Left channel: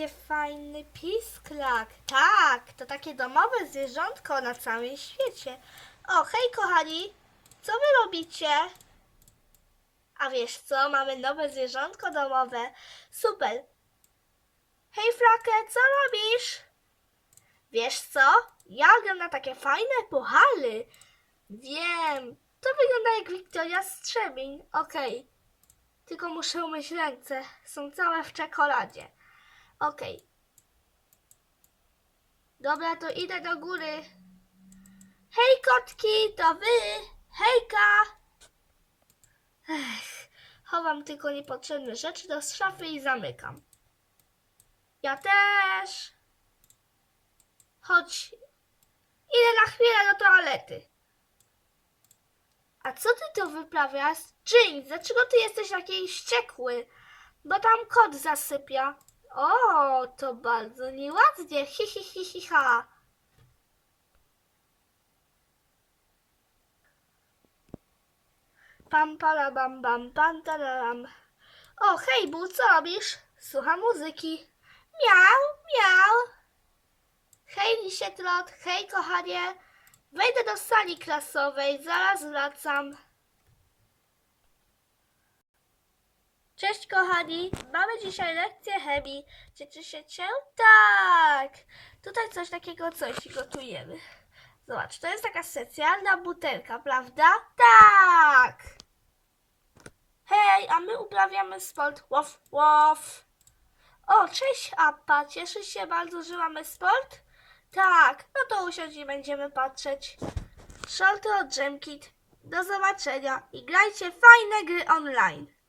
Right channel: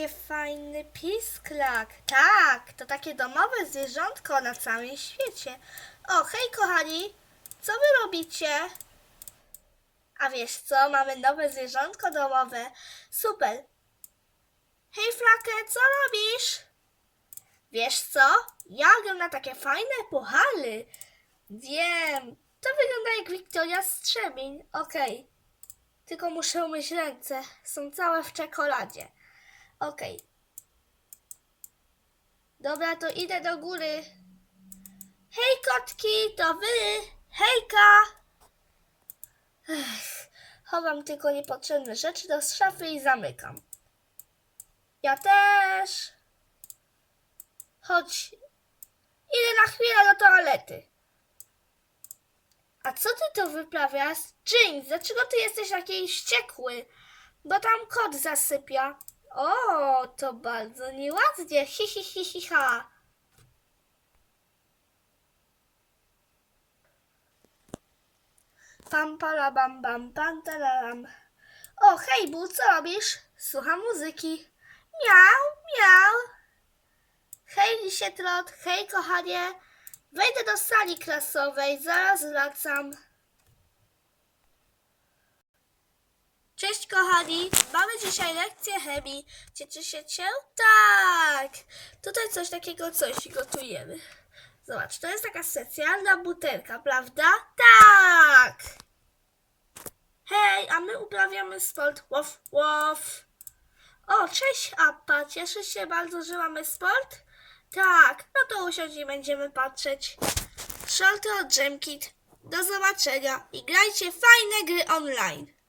takie fajny pisklak. Tak, to takie domowe zwierzątko na całym świecie. O, hej kochani, co wy robicie? A wiesz co, mamy nowe zwierzątko domowe. Super. Hej Flakę, co robisz? Wiesz co, ja gram na takie fajne puchary. Wiem, to wygląda jak Wiktoria Strzemień. Okej. Tylko muszę umyć ręce. Są całe w czekoladzie. Okej. Dobra, to idę do góry. Hej kotki, to wy! Hejka! Ech, chowam tylko niepotrzebne rzeczy do szafy i zamykam. Ja też. Chodź. Idę na chwilę do toalety. A co ty tu wyprawiasz? Jinx, dlaczego ty jesteś taki wściekły? Bo tam kot zasypia. O, to bardzo nieładnie. Hi, hi, hi, hi, ha. Pam, para, bam, bam, pam, tararam. O, hej, Bu, co robisz? Słucham muzyki. Miau, miau. Hej, lisie trot, hej, kochanie. Wejdę do sali klasowej, zaraz wracam. Cześć kochani, mamy dzisiaj lekcję chemii. Cieszycie się? Tak! Tutaj coś takiego, coś gotujemy. Zobacz, to jest taka specjalna butelka, prawda? Tak! Hej, a my uprawiamy sport. Łof, łof. O, cześć Appa, cieszysz się bardzo, że mamy sport? Tak, no to usiądź i będziemy patrzeć. Shorty od Jamkit. Do zobaczenia i grajcie fajne gry online.